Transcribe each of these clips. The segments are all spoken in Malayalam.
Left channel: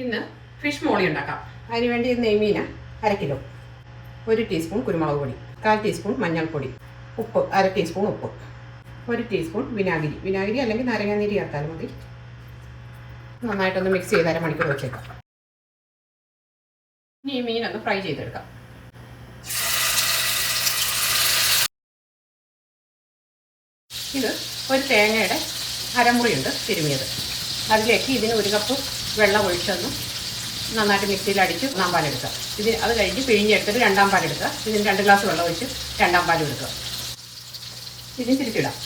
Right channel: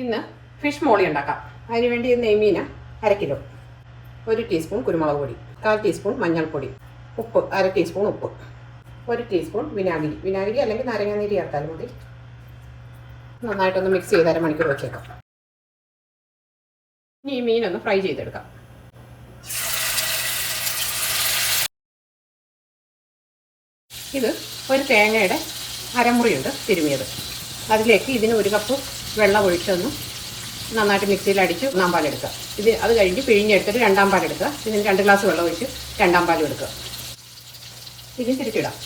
ഇന്ന് ഫിഷ് മോളി ഉണ്ടാക്കാം. അതിന് വേണ്ടി നെയ്മീന അര കിലോ ഒരു ടീസ്പൂൺ കുരുമുളക് പൊടി കാൽ ടീസ്പൂൺ മഞ്ഞൾപ്പൊടി ഉപ്പ് അര ടീസ്പൂൺ ഉപ്പ് ഒരു ടീസ്പൂൺ വിനാഗിരി. വിനാഗിരി അല്ലെങ്കിൽ നാരങ്ങാനീര് ചേർത്താലും മതി. നന്നായിട്ടൊന്ന് മിക്സ് ചെയ്ത് അരമണിക്കൂർ വെച്ചേക്കാം. ഇനി ഈ മീനൊന്ന് ഫ്രൈ ചെയ്തെടുക്കാം. ഇത് ഒരു തേങ്ങയുടെ അരമുറിയുണ്ട് തിരുമിയത്. അതിലേക്ക് ഇതിന് ഒരു കപ്പ് വെള്ളം ഒഴിച്ചൊന്ന് നന്നായിട്ട് മിക്സിയിൽ അടിച്ച് ഒന്നാം പാലെടുക്കുക ഇത് അത് കഴിഞ്ഞ് പിഴിഞ്ഞെടുത്തിട്ട് രണ്ടാം പാലെടുക്കുക ഇതിന് രണ്ട് ഗ്ലാസ് വെള്ളം ഒഴിച്ച് രണ്ടാം പാൽ എടുക്കുക ഇതിന് തിരിച്ചിടാം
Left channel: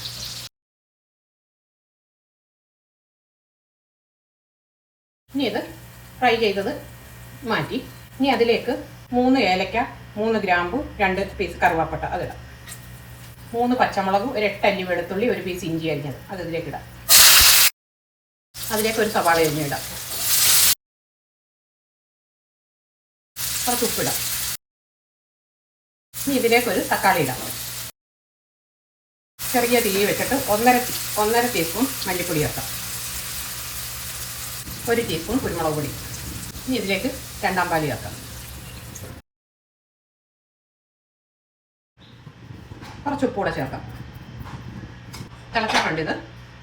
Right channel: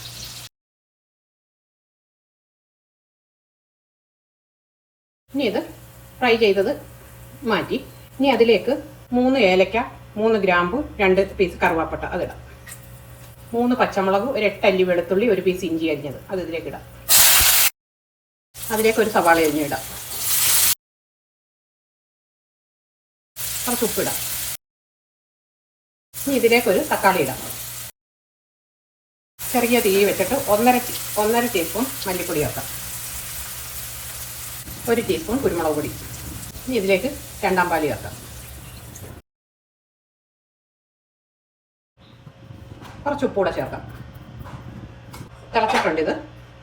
ഇനി ഇത് ഫ്രൈ ചെയ്തത് മാറ്റി. ഇനി അതിലേക്ക് മൂന്ന് ഏലക്ക മൂന്ന് ഗ്രാമ്പു രണ്ട് പീസ് കറുവാപ്പട്ട അതിടാം മൂന്ന് പച്ചമുളകും ഒരു എട്ടല്ലി വെളുത്തുള്ളി ഒരു പീസ് ഇഞ്ചി അരിഞ്ഞത്. അത് ഇതിലേക്ക് ഇടാം. അതിലേക്ക് ഒരു സവാള അരിഞ്ഞിടാം. കുറച്ച് ഉപ്പിടാം. ഇതിലേക്ക് ഒരു തക്കാളി ഇടാം. ചെറിയ തീ വെച്ചിട്ട് ഒന്നര ഒന്നര ടീസ്പൂൺ മല്ലിപ്പൊടി ആക്കാം ഒരു ടീസ്പൂൺ കുരുമുളക് പൊടി. ഇനി ഇതിലേക്ക് രണ്ടാം പാലി ആക്കാം കുറച്ച് ഉപ്പൂടെ ചേർക്കാം. തിളച്ചിട്ടുണ്ട് ഇത്.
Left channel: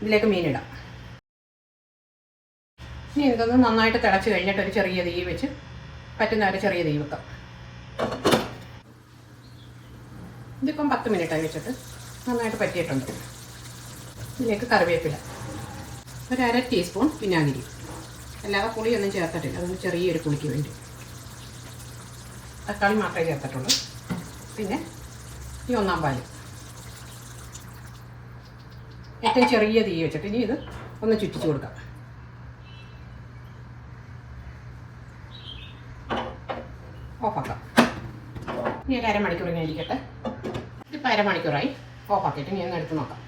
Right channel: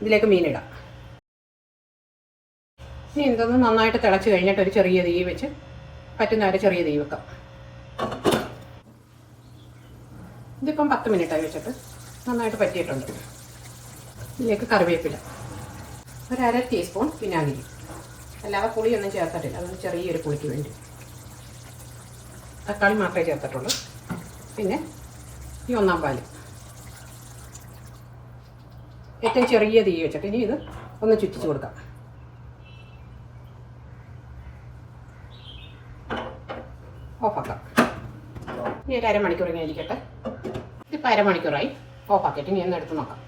ഇതിലേക്ക് മീനിടാം ഇനി ഇതൊന്ന് നന്നായിട്ട് തിളച്ച് കഴിഞ്ഞിട്ട് ഒരു ചെറിയ തീ വെച്ച് പറ്റുന്ന ഒരു ചെറിയ തീ വെക്കാം. ഇതിപ്പം പത്ത് മിനിറ്റായി വെച്ചിട്ട് നന്നായിട്ട് പറ്റിയിട്ടുണ്ട്. ഇതിലേക്ക് കറിവേപ്പില. ഒരു അര ടീസ്പൂൺ വിനാഗിരി. അല്ലാതെ പുളിയൊന്നും ചേർത്തിട്ടില്ല. അതൊന്ന് ചെറിയൊരു പുളിക്ക് വേണ്ടി. തക്കാളി മാത്രമേ ചേർത്തിട്ടുള്ളൂ. പിന്നെ ഈ ഒന്നാം പാൽ. ഏറ്റവും ചെറിയ തീ വെച്ചിട്ട് ഇനി ഇത് ഒന്ന് ചുറ്റിച്ച് കൊടുക്കാം. ഓഫാക്കാം. ഇനി ഒരു അരമണിക്കൂർ ഇങ്ങനെ ഇരിക്കട്ടെ. ഇപ്പം അരമണിക്കൂറായി. ഓഫാക്കിയിട്ട് ഇനി ഒന്ന് എടുത്ത് നോക്കാം.